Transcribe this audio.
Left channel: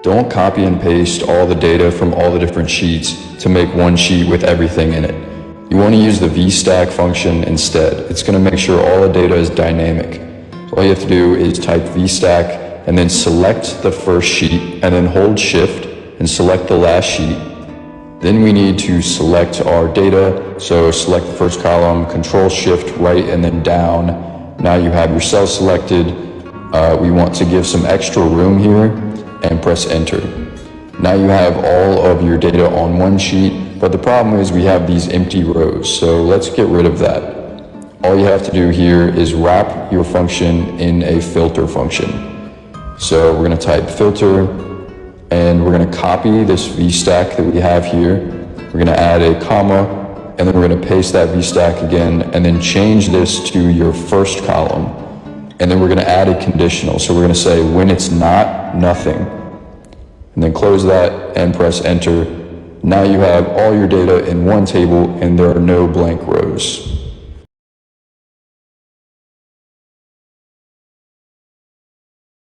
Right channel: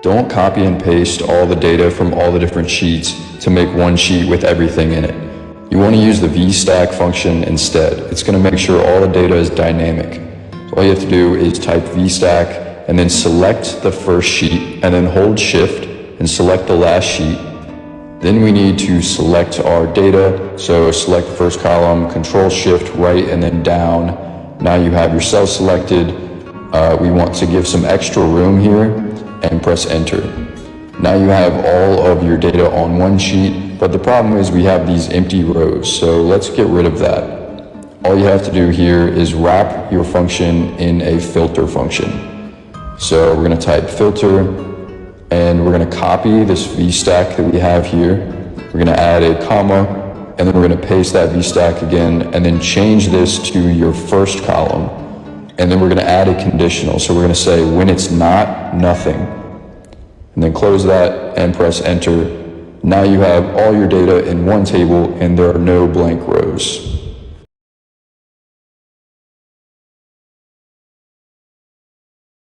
Don't copy and paste all the data from all the different sheets to make one sheet with everything in it. You want to use the VStack function instead. It's going to make sure all the data is dynamic. All you have to do is type VStack and then select the first sheet and then hold Shift and select the last sheet. Then we need to select our data. So select the first column, Control Shift right and then down. Now you have your cell selected. We want to give some extra room here and press Enter. Now you have all of your data on one sheet, but the problem is we have these empty rows. So let's get rid of that. All you have to do here is wrap your function in a filter function. So we're going to type filter, and we're going to copy this VStack that we have here. We're going to add a comma, and then we're going to paste that VStack again, and then change this to your first column. And then we're going to add a conditional. So we're going to say when it's not, nothing. And then close that and press Enter. Now you have all your data in one table and there are no blank rows.